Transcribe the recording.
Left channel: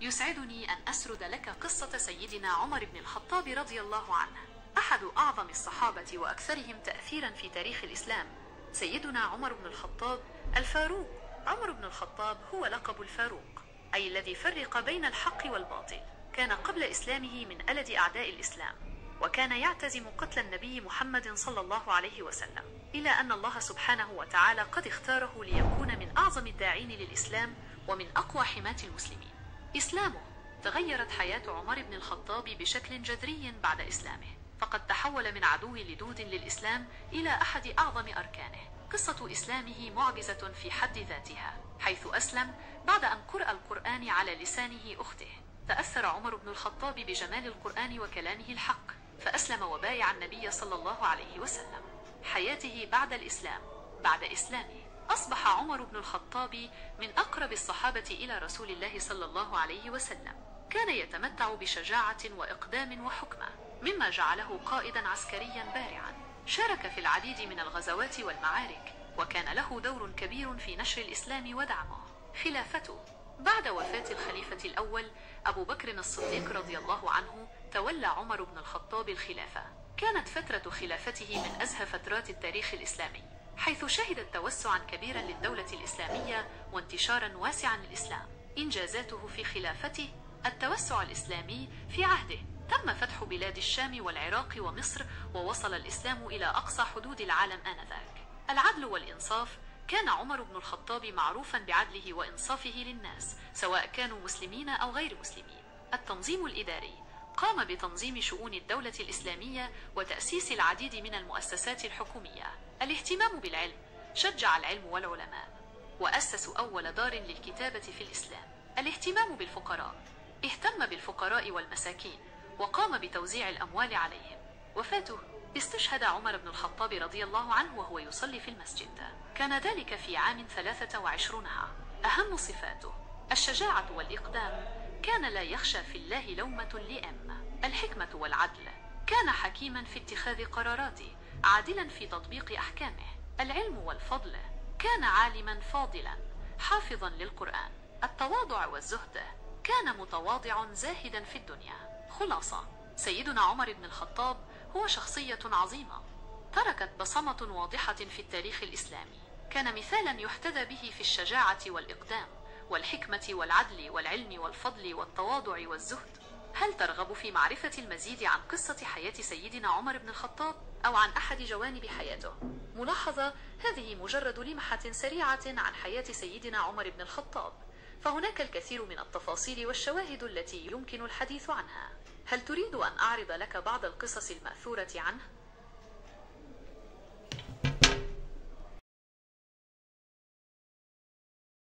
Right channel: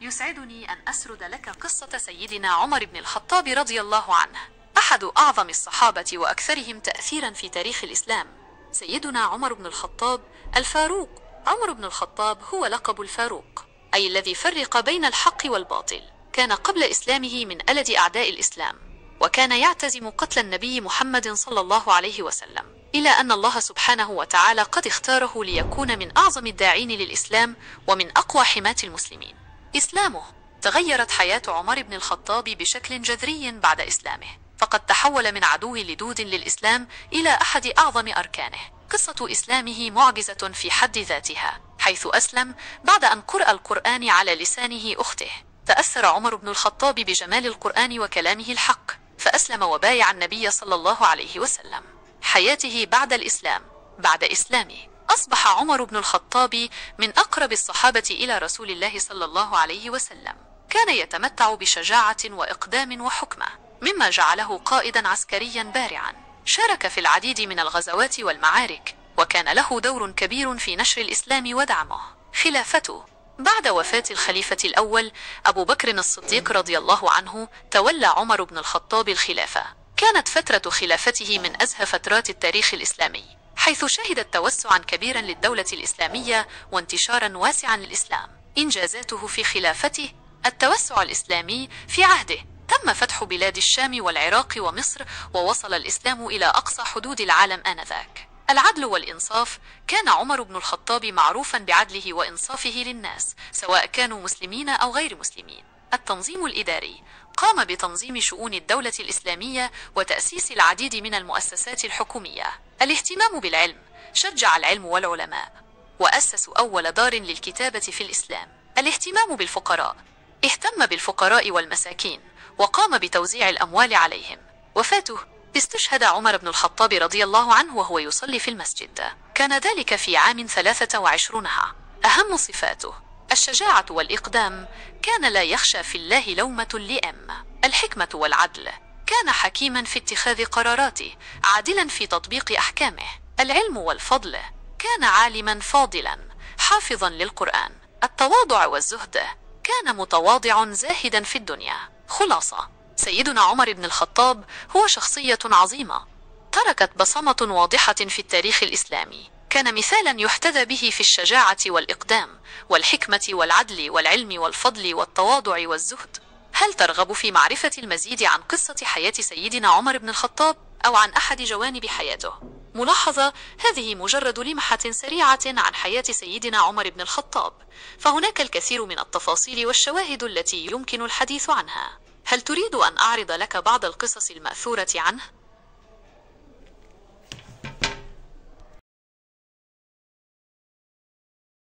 يسعدني أن أسرد لك قصة سيدنا عمر بن الخطاب رضي الله عنه، أحد أعظم الصحابة وأكثرهم تأثيرا في تاريخ الإسلام. سيدنا عمر بن الخطاب الفاروق. عمر بن الخطاب هو لقب الفاروق، أي الذي فرق بين الحق والباطل. كان قبل إسلامه من ألد أعداء الإسلام، وكان يعتزم قتل النبي محمد صلى الله عليه وسلم، إلى أن الله سبحانه وتعالى قد اختاره ليكون من أعظم الداعين للإسلام ومن أقوى حماة المسلمين. إسلامه. تغيرت حياة عمر بن الخطاب بشكل جذري بعد إسلامه، فقد تحول من عدو لدود للإسلام إلى أحد أعظم أركانه. قصة إسلامه معجزة في حد ذاتها، حيث أسلم بعد أن قرأ القرآن على لسانه أخته. تأثر عمر بن الخطاب بجمال القرآن وكلامه الحق، فأسلم وبايع النبي صلى الله عليه وسلم. حياته بعد الإسلام. بعد إسلامه أصبح عمر بن الخطاب من أقرب الصحابة إلى رسول الله صلى الله عليه وسلم. كان يتمتع بشجاعة وإقدام وحكمة، مما جعله قائدا عسكريا بارعا. شارك في العديد من الغزوات والمعارك، وكان له دور كبير في نشر الإسلام ودعمه. خلافته. بعد وفاة الخليفة الأول أبو بكر الصديق رضي الله عنه، تولى عمر بن الخطاب الخلافة. كانت فترة خلافته من أزهى فترات التاريخ الإسلامي، حيث شهدت توسعا كبيرا للدولة الإسلامية وانتشارا واسعا للإسلام. إنجازاته في خلافته: التوسع الإسلامي. في عهده تم فتح بلاد الشام والعراق ومصر، ووصل الإسلام إلى أقصى حدود العالم آنذاك. العدل والإنصاف. كان عمر بن الخطاب معروفا بعدله وإنصافه للناس، سواء كانوا مسلمين أو غير مسلمين. التنظيم الإداري. قام بتنظيم شؤون الدولة الإسلامية وتأسيس العديد من المؤسسات الحكومية. الاهتمام بالعلم. شجع العلم والعلماء، وأسس أول دار للكتابة في الإسلام. الاهتمام بالفقراء. اهتم بالفقراء والمساكين، وقام بتوزيع الأموال عليهم. وفاته. استشهد عمر بن الخطاب رضي الله عنه وهو يصلي في المسجد، كان ذلك في عام 23. أهم صفاته: الشجاعة والإقدام. كان لا يخشى في الله لومة لائم. الحكمة والعدل. كان حكيما في اتخاذ قراراته، عادلا في تطبيق أحكامه. العلم والفضل. كان عالما فاضلا، حافظا للقرآن. التواضع والزهد. كان متواضع زاهدا في الدنيا. خلاصة: سيدنا عمر بن الخطاب هو شخصية عظيمة، تركت بصمة واضحة في التاريخ الإسلامي. كان مثالا يحتذى به في الشجاعة والإقدام والحكمة والعدل والعلم والفضل والتواضع والزهد. هل ترغب في معرفة المزيد عن قصة حياة سيدنا عمر بن الخطاب أو عن أحد جوانب حياته؟ ملاحظة: هذه مجرد لمحة سريعة عن حياة سيدنا عمر بن الخطاب، فهناك الكثير من التفاصيل والشواهد التي يمكن الحديث عنها. هل تريد أن أعرض لك بعض القصص المأثورة عنه؟